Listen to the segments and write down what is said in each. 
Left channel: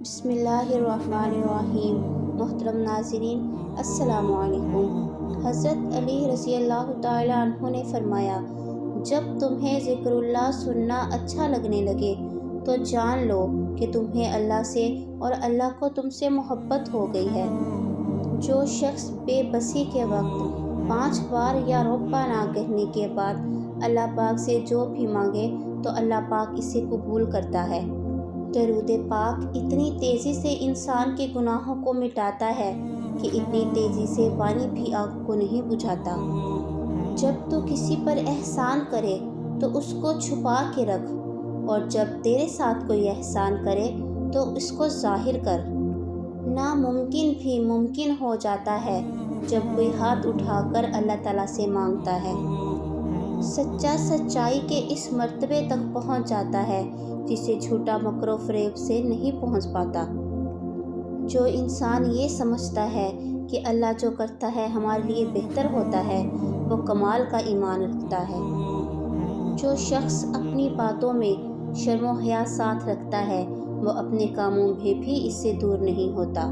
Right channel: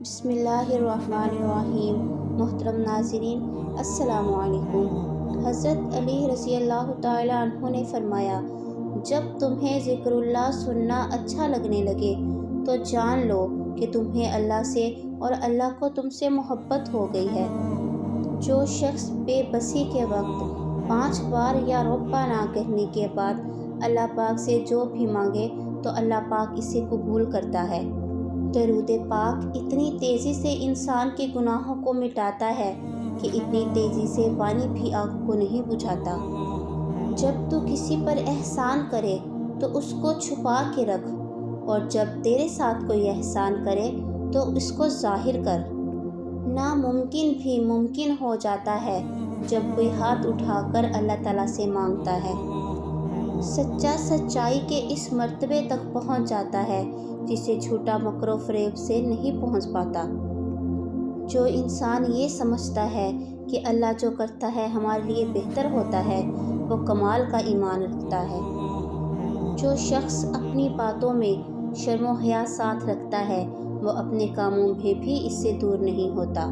بسم اللہ الرحمن الرحیم۔ محترم ناظرین، السلام علیکم۔ حضرت علی رضی اللہ تعالیٰ عنہ نے فرمایا، جب تمہیں ذکر اللہ سننا اچھا لگنے لگے تو جان لو کہ تمہیں اللہ سے اور اللہ کو تم سے محبت ہو گئی ہے۔ جو شخص بے بسی کے وقت 5 بار یا ربنا نہ کہنے کے بعد اللہ پاک سے جو بھی مانگے تو اللہ پاک اسے قبول کرتا ہے۔ درود پاک اتنی تیزی سے انسان کے گناہوں کو مٹاتا ہے کہ اتنی تیزی سے پانی بھی آگ کو نہیں بجھاتا۔ جب تو کسی پر احسان کرے تو اس کو چھپا کے رکھ، اور جب تیرے ساتھ کوئی احسان کرے تو اس کو ظاہر کر۔ ناممکن بھی ممکن ہو جاتا ہے جب کوئی ہاتھ اٹھا کر اللہ تعالیٰ سے مانگتا ہے۔ سچا سچائی کے اس مرتبے تک پہنچ جاتا ہے جسے جھوٹا مکر و فریب سے نہیں پہنچ پاتا۔ جو انسان یہ سمجھتا ہے کہ اللہ جو کرتا ہے ہمارے لیے بہتر ہوتا ہے، وہ کمال کا ایمان رکھتا ہے۔ جو شخص اپنی باتوں میں شرم و حیا ساتھ رکھتا ہے، وہ اپنے کاموں میں بھی اس سے دور نہیں ہوتا۔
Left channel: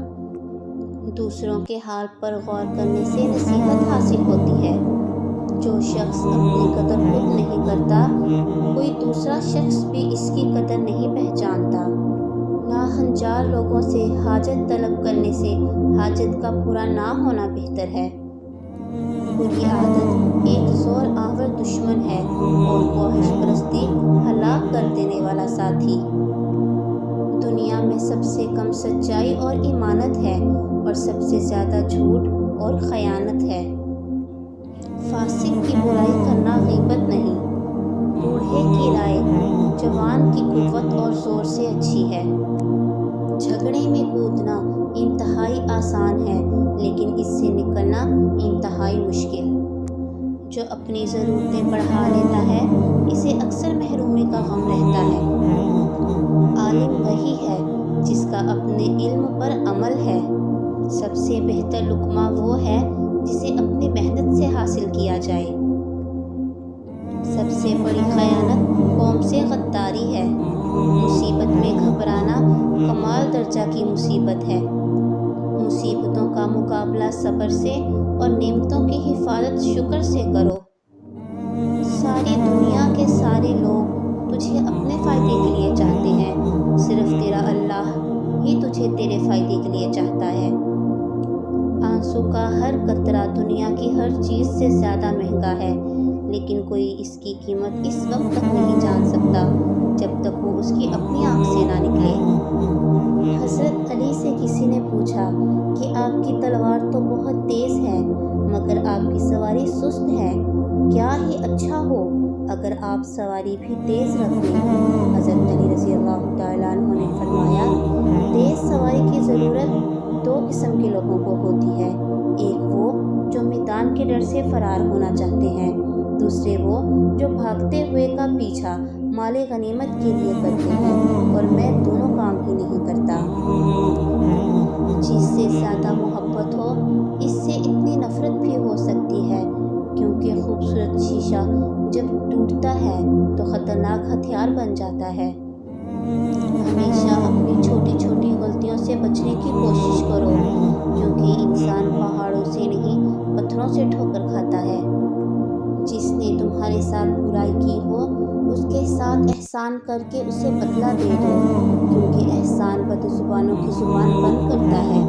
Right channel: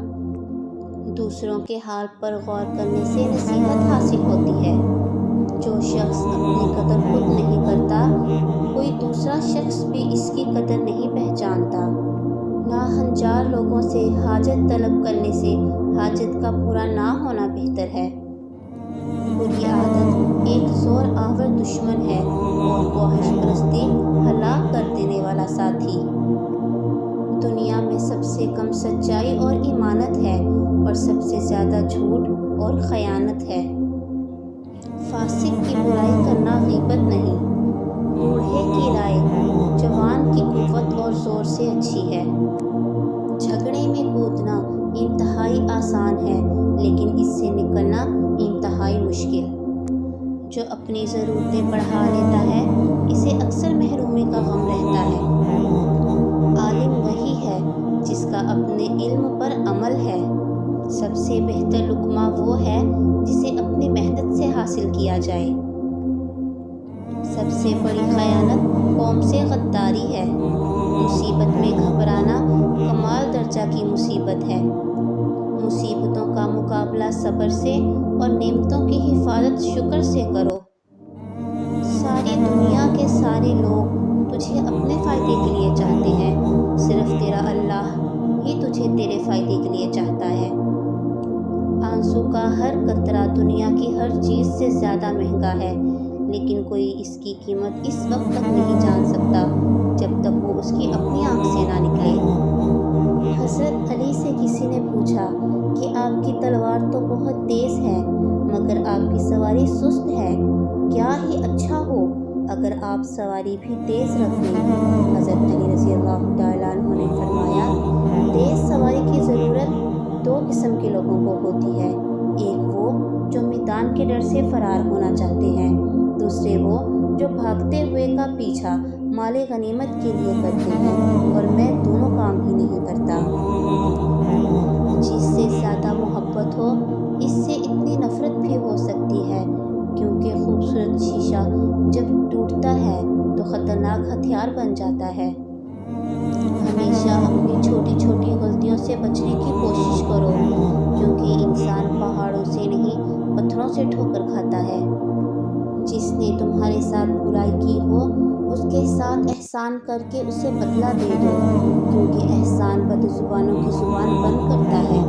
دوسروں کے حال پر غور کرنے سے نصیحت حاصل ہوتی ہے۔ جو شخص اپنی قدر خود نہیں کرتا، کوئی دوسرا شخص بھی اس کی قدر نہیں پہچانتا۔ ناہنجار لوگوں سے حاجت طلب کرنے سے حاجت کا پورا نہ ہونا بہتر ہے۔ بری عادت ایک زور آور دشمن ہے اور خواہش پرستی ہلاک کر دینے والا ساتھی۔ دنیا میں سب سے کم سچائی اور ایمانت ہے اور سب سے زیادہ جھوٹ اور خیانت ہے۔ فاسق کی برائی کرنا غیبت نہیں۔ بوڑھے کی رائے جوان کی قوت اور زور سے اچھی ہے۔ جھگڑے میں کودنا انتہائی آسان ہے، لیکن اس سے نکلنا انتہائی مشکل۔ جو اپنی ضرورتیں بڑھا لیتا ہے، اسے اکثر محرومی کا غم رہتا ہے۔ عالم وہی ہے جس کا اپنے علم پر عمل ہے۔ سب سے بہتر لقمہ وہ ہے جسے اپنی محنت سے حاصل کیا جائے۔ سب سے بڑی خیانت قوم سے غداری ہے۔ مصیبت میں گھبرانا کمال درجہ کی مصیبت ہے۔ مصیبتوں کا مقابلہ صبر سے اور نعمتوں کی حفاظت شکر سے کرو۔ ساری دنیا کے سارے لوگ تجھے اپنے فائدے کے لیے چاہتے ہیں، صرف تیرا اللہ ہی تجھے تیرے فائدے کے لیے چاہتا ہے۔ آنسو کا ہر قطرہ دنیا کی ہر چیز سے زیادہ مہنگا ہے، لیکن کوئی اس کی قیمت اس وقت تک نہیں جان سکتا جب تک وہ اس کی اپنی آنکھ سے نہ نکلے۔ حضرت علی سے کسی نے پوچھا کہ آپ کی تلوار تو بہت تیز ہے مگر آپ کی سواری سست ہے، کیا ہی اچھا ہو اگر آپ سواری بھی تیز رکھ لیں۔ حضرت علی رضی اللہ تعالیٰ عنہ نے فرمایا، تیز سواری کی ضرورت 2 قسم کے لوگوں کو ہوتی ہے، ایک وہ جو میدان کے ڈر سے فرار ہونا چاہتے ہیں، دوسرے وہ جو بھاگتے ہوئے کا پیچھا مال غنیمت کے لیے کرتے ہیں، اور میں دونوں کام ہی نہیں کرتا۔ جس سے زیادہ محبت ہو، اس سے اتنی نفرت بھی ہو سکتی ہے، کیونکہ خوبصورت شیشہ جب ٹوٹتا ہے تو خطرناک ہتھیار بن جاتا ہے۔ ہمیشہ اپنی چھوٹی چھوٹی غلطیوں سے بچنے کی کوشش کرو، کیونکہ انسان پہاڑوں سے نہیں پتھروں سے ٹھوکر کھاتا ہے۔ جس نے تمہارے ساتھ برائی کی ہو، اس کے ساتھ احسان کر کے اسے بدلہ دے دو، کیونکہ احسان بد زبانوں کی زبان بند کرتا ہے۔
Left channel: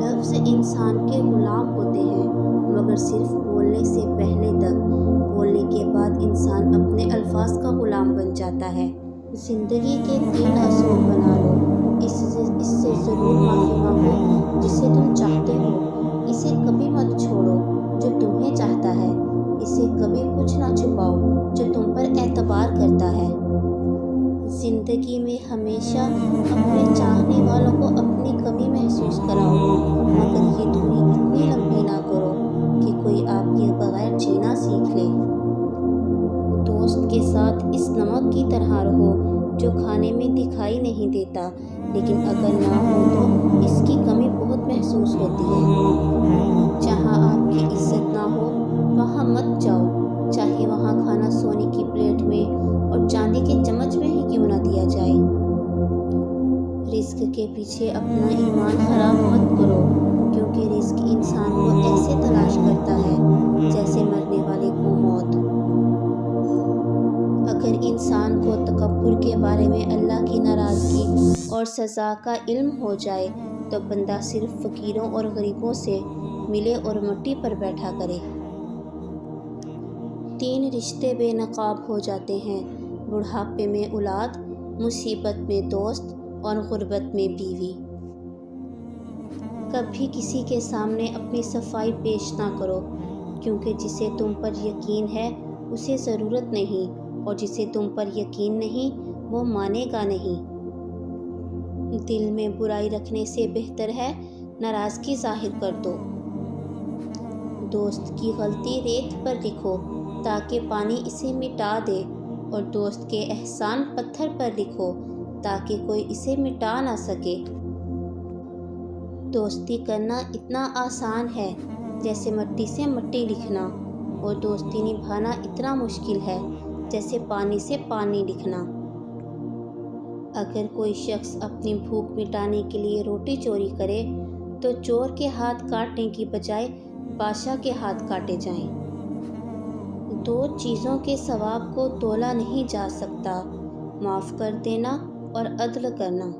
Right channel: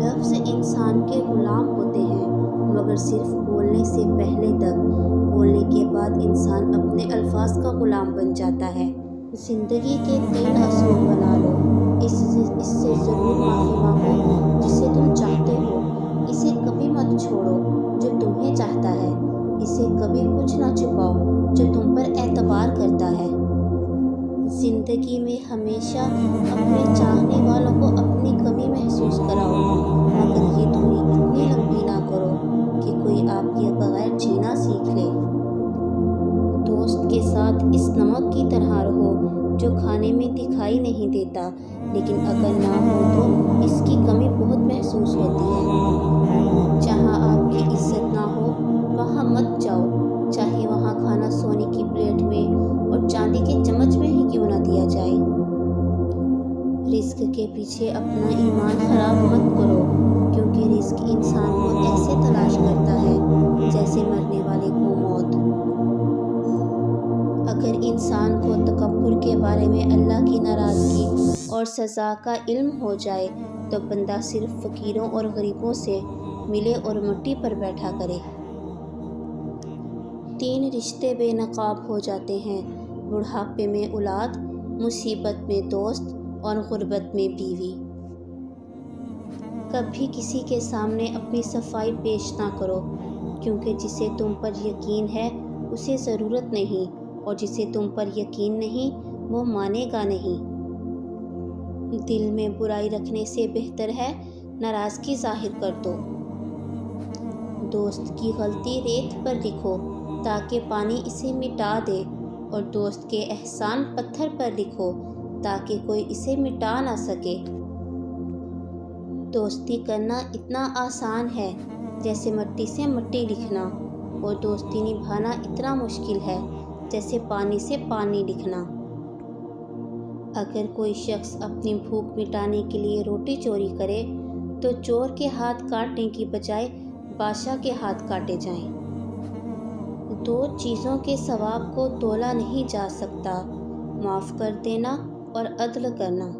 لفظ انسان کے غلام ہوتے ہیں، مگر صرف بولنے سے پہلے تک، بولنے کے بعد انسان اپنے الفاظ کا غلام بن جاتا ہے۔ زندگی کے 3 اصول بنا لو، اس سے ضرور معافی مانگو جسے تم چاہتے ہو، اسے کبھی مت چھوڑو جو تمہیں چاہتا ہے، اسے کبھی کچھ نہ چھپاؤ جو تم پر اعتبار کرتا ہے۔ زندگی میں ہمیشہ اپنے چاہنے والوں کو اپنی کمی محسوس کراؤ، مگر یہ دوری اتنی لمبی نہ کرو کہ کوئی آپ کے بغیر جینا سیکھ لے۔ دوست کے ساتھ اس نمک کی طرح رہو جو کھانے میں دکھائی نہیں دیتا، لیکن اگر نہ ہو تو اس کی کمی بہت محسوس ہوتی ہے۔ جہاں آپ کی عزت نہ ہو وہاں مت جاؤ، چاہے وہاں کھانا سونے کی پلیٹ میں اور چاندی کے چمچ میں ہی کیوں نہ دیا جائے۔ رزق کے پیچھے اپنا ایمان خراب مت کرو، کیونکہ رزق انسان کو ایسے تلاش کرتا ہے جیسے مرنے والے کو موت۔ اگر انسان کو تکبر کے بارے میں اللہ کی ناراضگی اور سزا کا علم ہو جائے تو بندہ صرف فقیروں اور غریبوں سے ملے اور مٹی پر بیٹھا کرے۔ 3 رشتے بے نقاب ہو جاتے ہیں: بڑھاپے میں اولاد، مصیبت میں دوست اور غربت میں بیوی۔ کبھی کسی کے سامنے اپنی صفائی پیش نہ کرو، کیونکہ جسے تم پر یقین ہے اسے ضرورت نہیں، اور جسے تم پر یقین نہیں وہ مانے گا نہیں۔ دل میں برائی رکھنے سے بہتر ہے ناراضگی ظاہر کر دو۔ دوست کی غلطی ریت پر لکھو تاکہ پانی اسے مٹا دے، اور دوست کے احسان پتھر پر لکھو تاکہ کوئی اسے مٹا نہ سکے۔ دوستی کرنا اتنا آسان ہے جیسے مٹی سے مٹی لکھنا، اور دوستی نبھانا اتنا مشکل ہے جیسے پانی سے پانی لکھنا۔ اگر کوئی شخص اپنی بھوک مٹانے کے لیے روٹی چوری کرے تو چور کے ہاتھ کاٹنے کی بجائے بادشاہ کے ہاتھ کاٹے جائیں۔ 2 چیزوں کے ثواب کو تولا نہیں جا سکتا: معاف کر دینا اور عدل کرنا۔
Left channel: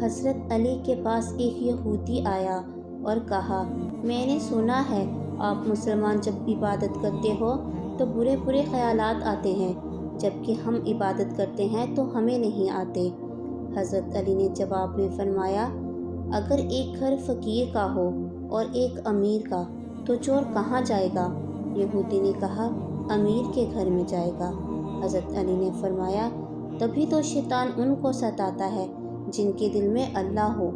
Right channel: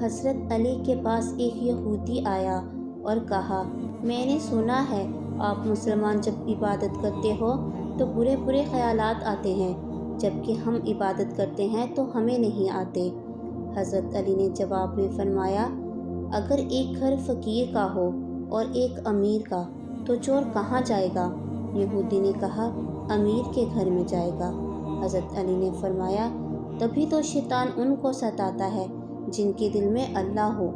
حضرت علی کے پاس ایک یہودی آیا اور کہا، میں نے سنا ہے آپ مسلمان جب عبادت کرتے ہو تو برے برے خیالات آتے ہیں، جبکہ ہم عبادت کرتے ہیں تو ہمیں نہیں آتے۔ حضرت علی نے جواب میں فرمایا، اگر ایک گھر فقیر کا ہو اور ایک امیر کا تو چور کہاں جائے گا؟ یہودی نے کہا، امیر کے گھر میں جائے گا۔ حضرت علی نے فرمایا، تبھی تو شیطان ان کو ستاتا ہے جن کے دل میں اللہ ہو،